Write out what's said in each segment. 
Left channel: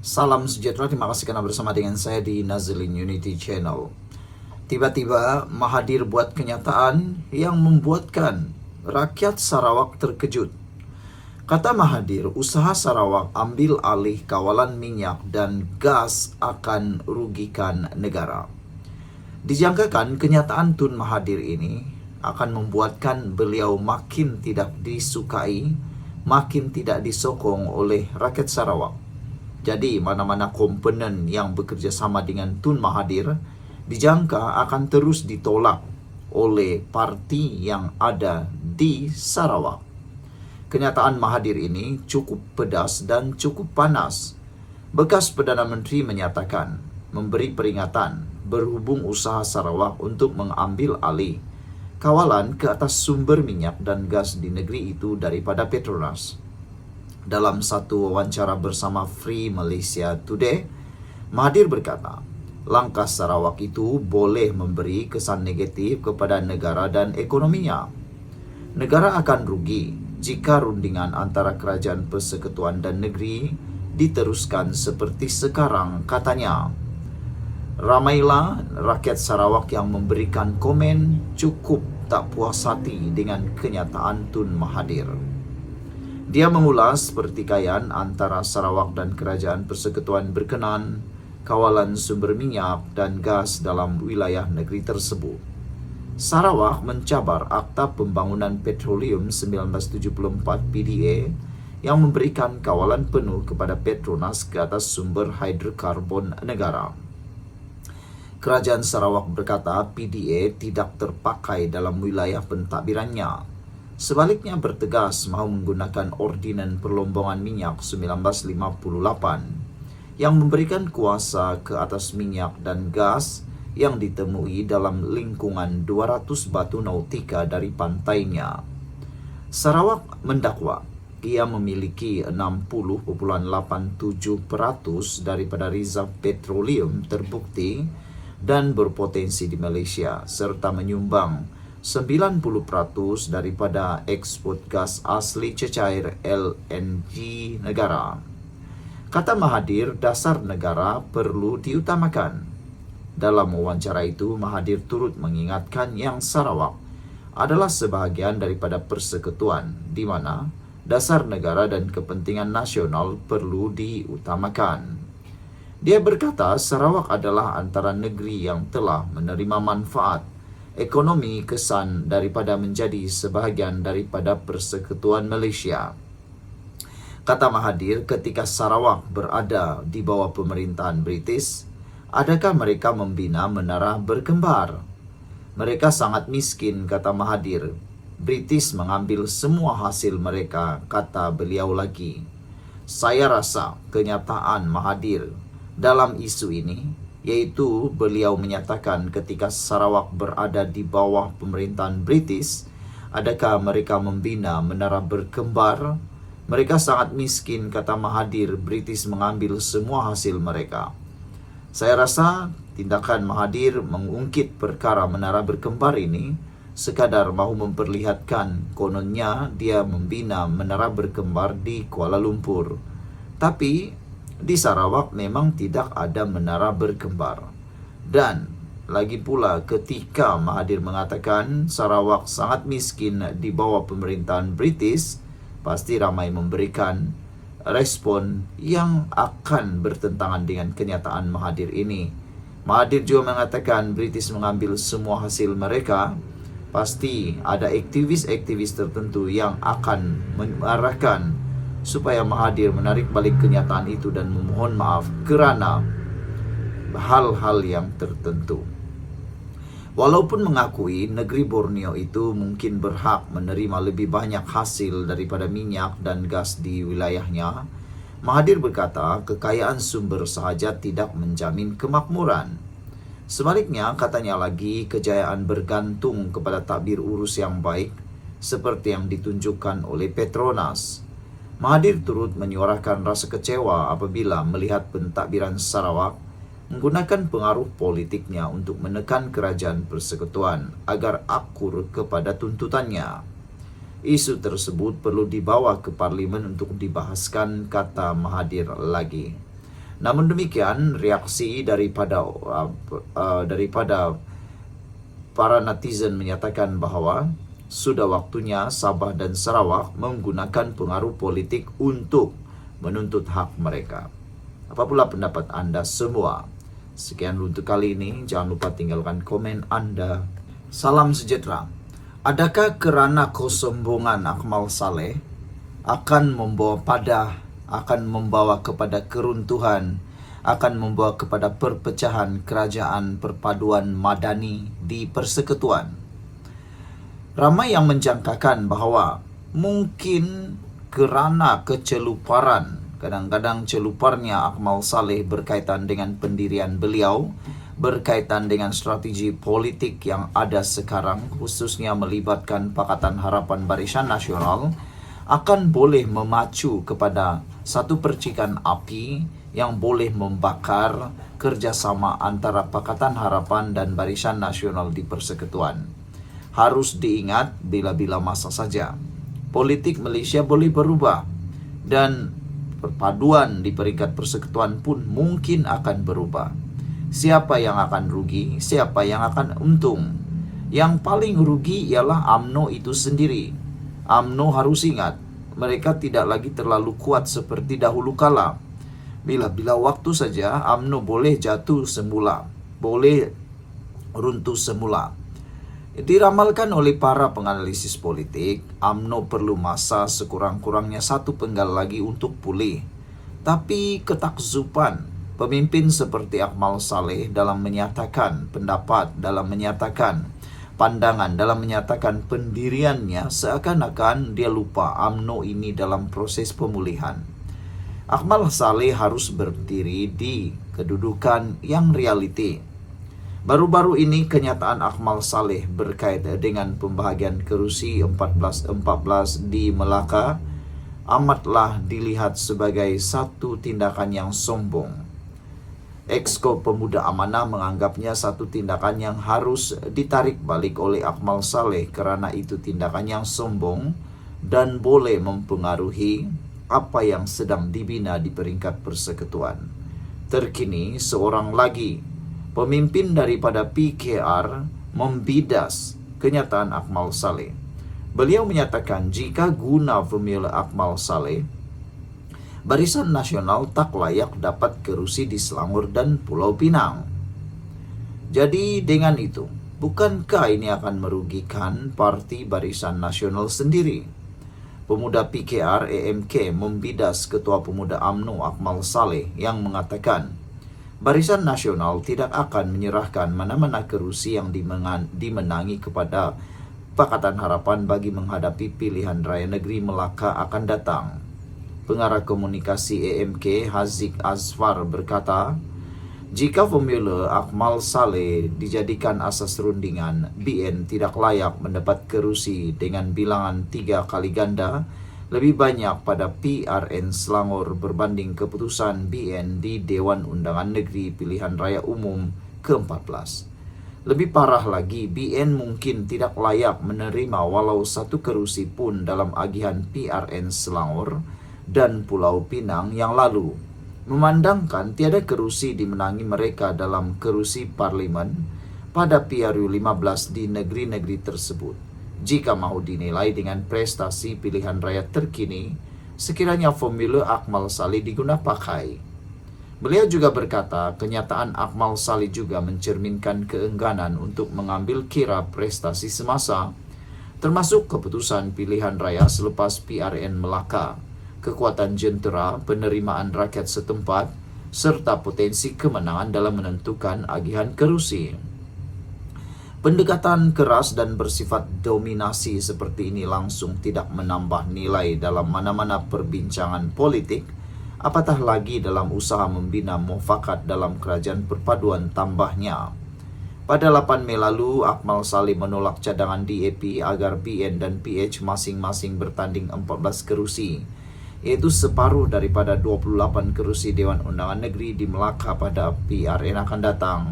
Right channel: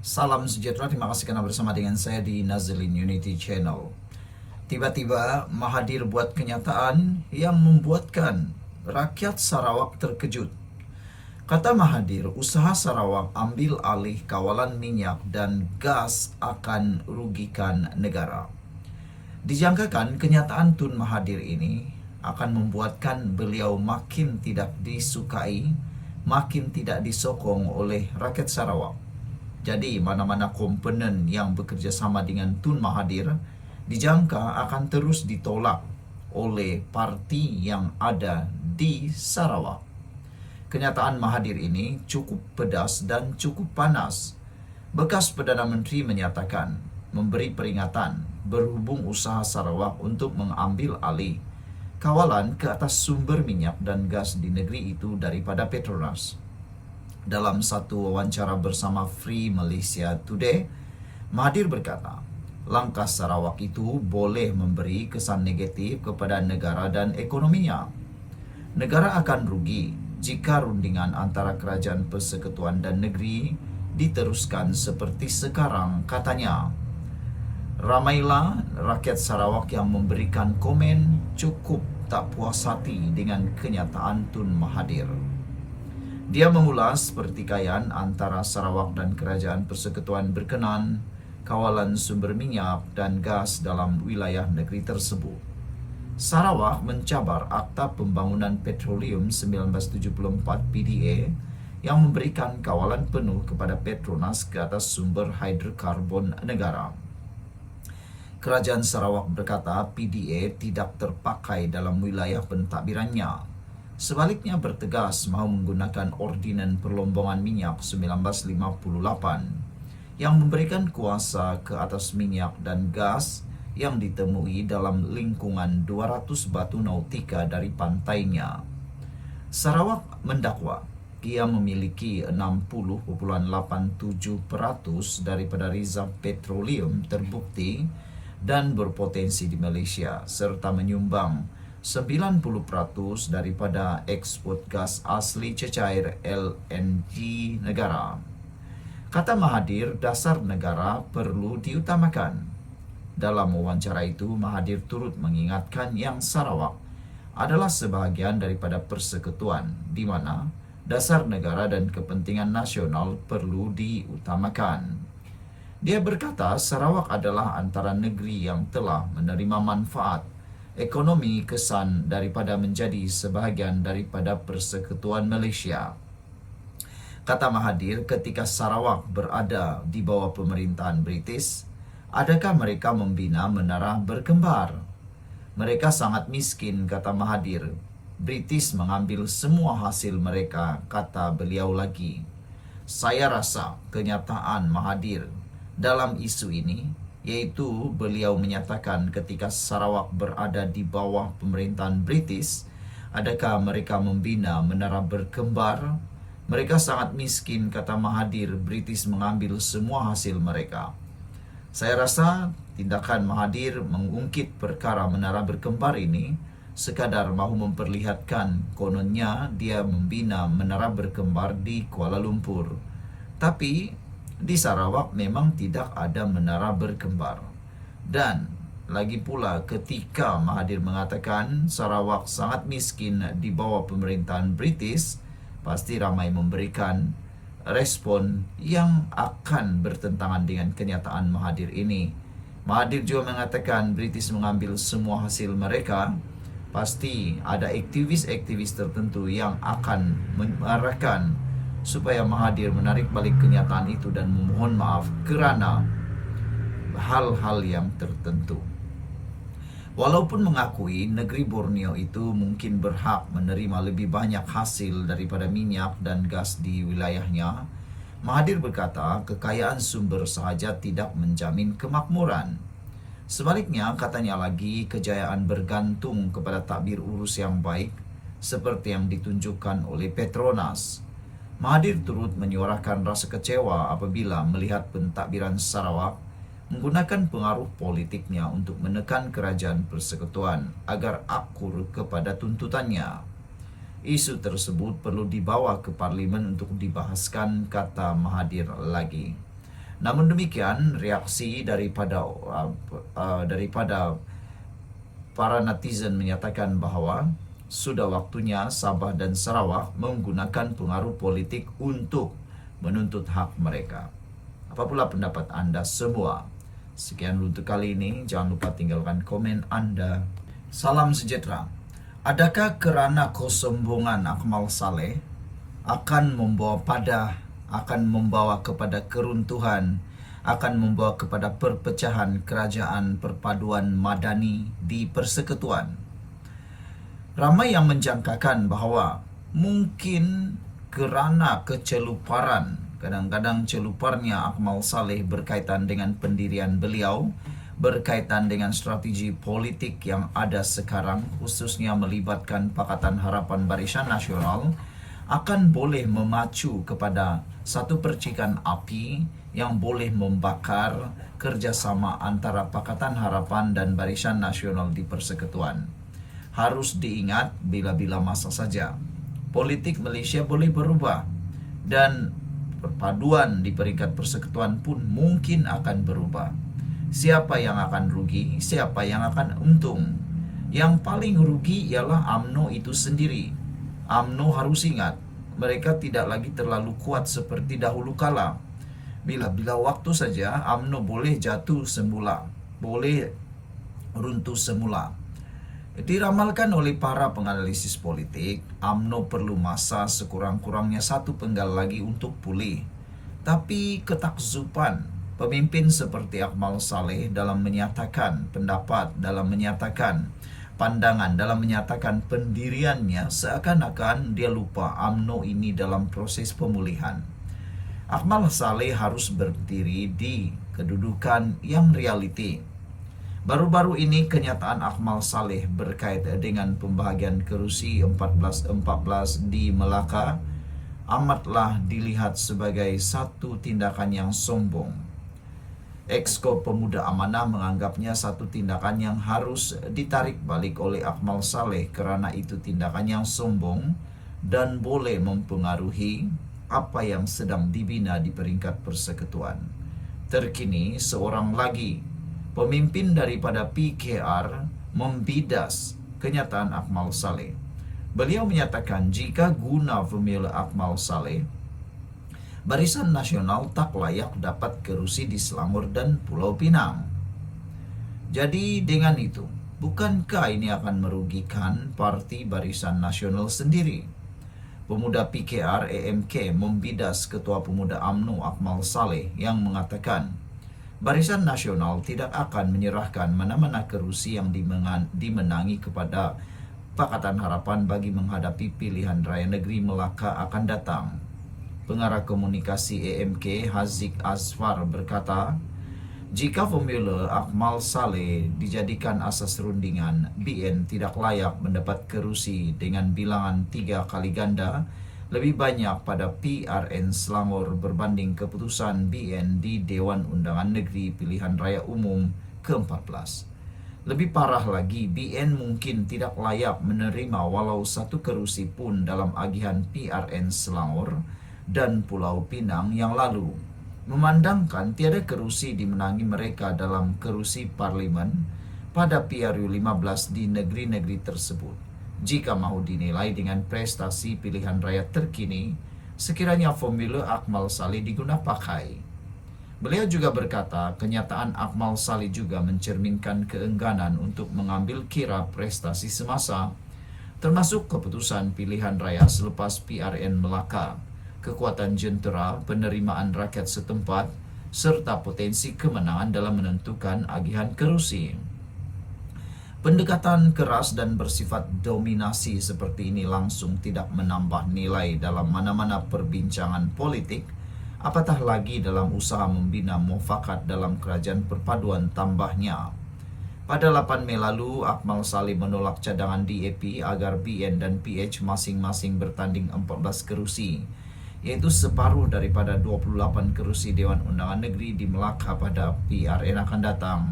Salam sejahtera, terima kasih karena bersama dengan saya di Nazlin Unity Channel. Tiba-tiba Mahathir buat kenyataan yang membuatkan rakyat Sarawak terkejut. Kata Mahathir, usaha Sarawak ambil alih kawalan minyak dan gas akan rugikan negara. Dijangkakan kenyataan Tun Mahathir ini akan membuatkan beliau makin tidak disukai, makin tidak disokong oleh rakyat Sarawak. Jadi mana-mana komponen yang bekerja sama dengan Tun Mahathir dijangka akan terus ditolak oleh parti yang ada di Sarawak. Kenyataan Mahathir ini cukup pedas dan cukup panas. Bekas Perdana Menteri menyatakan, memberi peringatan berhubung usaha Sarawak untuk mengambil alih kawalan ke atas sumber minyak dan gas di negeri itu daripada Petronas. Dalam satu wawancara bersama Free Malaysia Today, Mahathir berkata, langkah Sarawak itu boleh memberi kesan negatif kepada negara dan ekonominya. Negara akan rugi jika rundingan antara kerajaan persekutuan dan negeri diteruskan seperti sekarang, katanya. Ramailah rakyat Sarawak yang memberikan komen cukup tak puas hati dengan kenyataan Tun Mahathir. Dia mengulas pertikaian antara Sarawak dan kerajaan persekutuan berkenan kawalan sumber minyak dan gas dalam wilayah negeri tersebut. Sarawak mencabar Akta Pembangunan Petroleum 1974 PDA yang memberikan kawalan penuh kepada Petronas ke atas sumber hidrokarbon negara. Kerajaan Sarawak berkata PDA tidak terpakai dalam wilayah pentadbirannya. Sebaliknya bertegas mahu menggunakan Ordinan Perlombongan Minyak 1958 yang memberikan kuasa ke atas minyak dan gas yang ditemui dalam lingkungan 200 batu nautika dari pantainya. Sarawak mendakwa ia memiliki 60.87% daripada reserve petroleum terbukti dan berpotensi di Malaysia serta menyumbang 90% daripada ekspor gas asli cecair LNG negara. Kata Mahathir, dasar negara perlu diutamakan. Dalam wawancara itu, Mahathir turut mengingatkan yang Sarawak adalah sebahagian daripada persekutuan di mana dasar negara dan kepentingan nasional perlu diutamakan. Dia berkata Sarawak adalah antara negeri yang telah menerima manfaat ekonomi kesan daripada menjadi sebahagian daripada persekutuan Malaysia. Kata Mahathir, ketika Sarawak berada di bawah pemerintahan British, adakah mereka membina menara berkembar? Mereka sangat miskin, kata Mahathir. British mengambil semua hasil mereka, kata beliau lagi. Saya rasa kenyataan Mahathir dalam isu ini, yaitu beliau menyatakan ketika Sarawak berada di bawah pemerintahan British, adakah mereka membina menara berkembar? Mereka sangat miskin, kata Mahathir. British mengambil semua hasil mereka. Saya rasa tindakan Mahathir mengungkit perkara menara berkembar ini sekadar mahu memperlihatkan kononnya dia membina menara berkembar di Kuala Lumpur. Tapi di Sarawak memang tidak ada menara berkembar. Dan lagi pula ketika Mahathir mengatakan Sarawak sangat miskin di bawah pemerintahan British, pasti ramai memberikan respon yang akan bertentangan dengan kenyataan Mahathir ini. Mahathir juga mengatakan British mengambil semua hasil mereka. Pasti ada aktivis-aktivis tertentu yang akan mengarahkan supaya Mahathir menarik balik kenyataan itu dan memohon maaf kerana hal-hal yang tertentu. Walaupun mengakui negeri Borneo itu mungkin berhak menerima lebih banyak hasil daripada minyak dan gas di wilayahnya, Mahathir berkata kekayaan sumber sahaja tidak menjamin kemakmuran. Sebaliknya, katanya lagi, kejayaan bergantung kepada takbir urus yang baik seperti yang ditunjukkan oleh Petronas. Mahathir turut menyuarakan rasa kecewa apabila melihat pentadbiran Sarawak menggunakan pengaruh politiknya untuk menekan kerajaan persekutuan agar akur kepada tuntutannya. Isu tersebut perlu dibawa ke parlimen untuk dibahaskan, kata Mahathir lagi. Namun demikian, reaksi daripada para netizen menyatakan bahwa sudah waktunya Sabah dan Sarawak menggunakan pengaruh politik untuk menuntut hak mereka. Apa pula pendapat Anda semua? Sekian untuk kali ini, jangan lupa tinggalkan komen Anda. Salam sejahtera. Adakah kerana kesombongan Akmal Saleh akan membawa kepada keruntuhan, akan membawa kepada perpecahan kerajaan perpaduan madani di Persekutuan? Ramai yang menjangkakan bahawa mungkin kerana keceluparan, kadang-kadang celuparnya Akmal Saleh berkaitan dengan pendirian beliau, berkaitan dengan strategi politik yang ada sekarang, khususnya melibatkan Pakatan Harapan Barisan Nasional, akan boleh memacu kepada satu percikan api yang boleh membakar kerjasama antara Pakatan Harapan dan Barisan Nasional di Persekutuan. Harus diingat bila-bila masa saja. Politik Malaysia boleh berubah dan perpaduan di peringkat Persekutuan pun mungkin akan berubah. Siapa yang akan rugi, siapa yang akan untung? Yang paling rugi ialah UMNO itu sendiri. UMNO harus ingat, mereka tidak lagi terlalu kuat seperti dahulu kala. Bila waktu saja UMNO boleh jatuh semula, boleh runtuh semula. Diramalkan oleh para penganalisis politik, UMNO perlu masa sekurang-kurangnya 1 penggal lagi untuk pulih. Tapi ketakzuban pemimpin seperti Akmal Saleh dalam menyatakan pendapat, dalam menyatakan pandangan, dalam menyatakan pendiriannya, seakan-akan dia lupa UMNO ini dalam proses pemulihan. Akmal Saleh harus berdiri di kedudukan yang realiti. Baru-baru ini kenyataan Akmal Saleh berkaitan dengan pembahagian kerusi 14-14 di Melaka amatlah dilihat sebagai satu tindakan yang sombong. Exco Pemuda Amanah menganggapnya satu tindakan yang harus ditarik balik oleh Akmal Saleh kerana itu tindakan yang sombong dan boleh mempengaruhi apa yang sedang dibina di peringkat Persekutuan. Terkini, seorang lagi pemimpin daripada PKR membidas kenyataan Akmal Saleh. Beliau menyatakan jika guna formula Akmal Saleh, Barisan Nasional tak layak dapat kerusi di Selangor dan Pulau Pinang. Jadi dengan itu, bukankah ini akan merugikan Parti Barisan Nasional sendiri? Pemuda PKR AMK membidas Ketua Pemuda UMNO Akmal Saleh yang mengatakan Barisan Nasional tidak akan menyerahkan mana-mana kerusi yang dimenangi kepada Pakatan Harapan bagi menghadapi pilihan raya negeri Melaka akan datang. Pengarah komunikasi AMK Haziq Azfar berkata, jika formula Akmal Saleh dijadikan asas rundingan, BN tidak layak mendapat kerusi dengan bilangan 3 kali ganda lebih banyak pada PRN Selangor berbanding keputusan BN di Dewan Undangan Negeri Pilihan Raya Umum ke-14. Lebih parah lagi, BN mungkin tidak layak menerima walau 1 kerusi pun dalam agihan PRN Selangor dan Pulau Pinang yang lalu, memandangkan tiada kerusi dimenangi mereka dalam kerusi parlimen pada PRU 15 di negeri-negeri tersebut. Jika mahu dinilai dengan prestasi pilihan raya terkini, sekiranya formula Akmal Saleh digunakan pakai. Beliau juga berkata, kenyataan Akmal Saleh juga mencerminkan keengganan untuk mengambil kira prestasi semasa, termasuk keputusan pilihan raya selepas PRN Melaka, kekuatan jentera, penerimaan rakyat setempat, serta potensi kemenangan dalam menentukan agihan kerusi. Pendekatan keras dan bersifat dominasi seperti ini langsung tidak menambah nilai dalam mana-mana perbincangan politik, apatah lagi dalam usaha membina mufakat dalam kerajaan perpaduan tambahnya. Pada 8 Mei lalu, Akmal Saleh menolak cadangan DAP agar BN dan PH masing-masing bertanding 14 kerusi, iaitu separuh daripada 28 kerusi Dewan Undangan Negeri di Melaka pada PRN akan datang.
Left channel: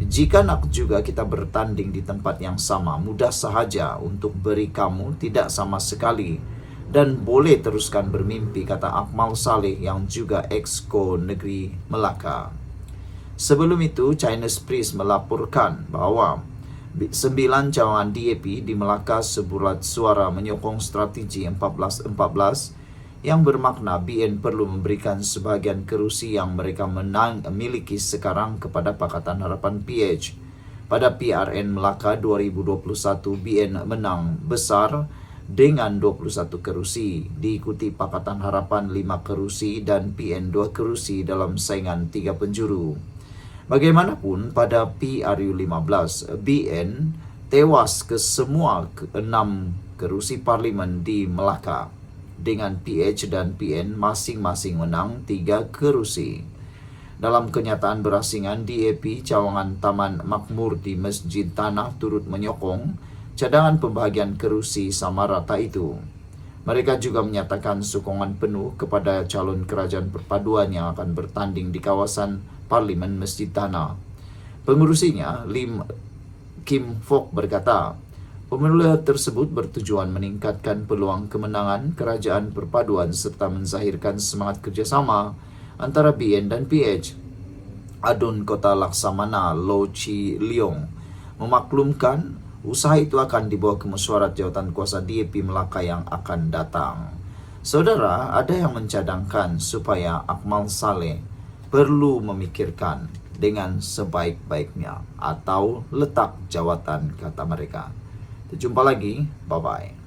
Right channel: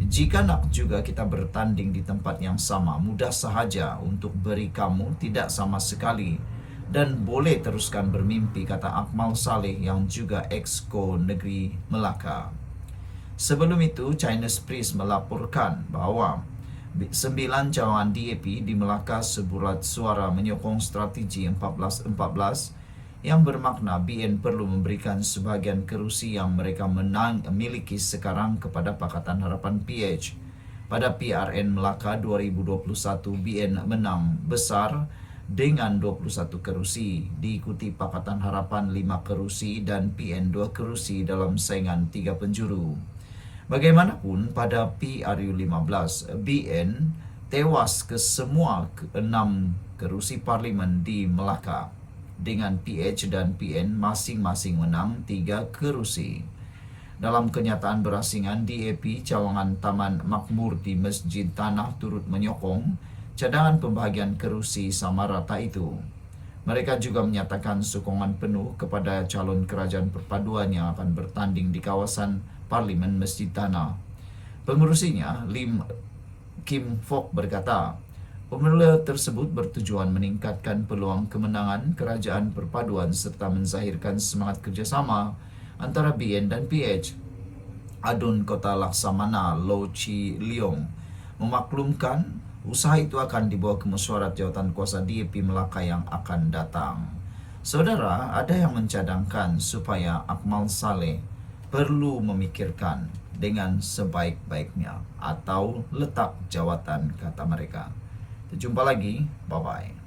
Jika nak juga kita bertanding di tempat yang sama, mudah sahaja untuk beri kamu tidak sama sekali dan boleh teruskan bermimpi, kata Akmal Saleh yang juga Exco Negeri Melaka. Sebelum itu, Chinese Press melaporkan bahwa 9 cawangan DAP di Melaka sebulat suara menyokong strategi 14-14 yang bermakna BN perlu memberikan sebahagian kerusi yang mereka miliki sekarang kepada Pakatan Harapan PH. Pada PRN Melaka 2021, BN menang besar dengan 21 kerusi, diikuti Pakatan Harapan 5 kerusi dan PN 2 kerusi dalam saingan 3 penjuru. Bagaimanapun, pada PRU 15, BN tewas ke semua 6 kerusi parlimen di Melaka, dengan PH dan PN masing-masing menang 3 kerusi. Dalam kenyataan berasingan, DAP cawangan Taman Makmur di Masjid Tanah turut menyokong cadangan pembahagian kerusi sama rata itu. Mereka juga menyatakan sokongan penuh kepada calon kerajaan perpaduan yang akan bertanding di kawasan Parlimen Masjid Tanah. Pengurusinya, Lim Kim Fok, berkata, pemilu tersebut bertujuan meningkatkan peluang kemenangan kerajaan perpaduan serta menzahirkan semangat kerjasama antara BN dan PH. Adun Kota Laksamana Lo Chi Leong memaklumkan usaha itu akan dibawa ke mesyuarat jawatan kuasa DAP Melaka yang akan datang. Saudara, ada yang mencadangkan supaya Akmal Saleh perlu memikirkan dengan sebaik-baiknya atau letak jawatan, kata mereka. Jumpa lagi, bye-bye.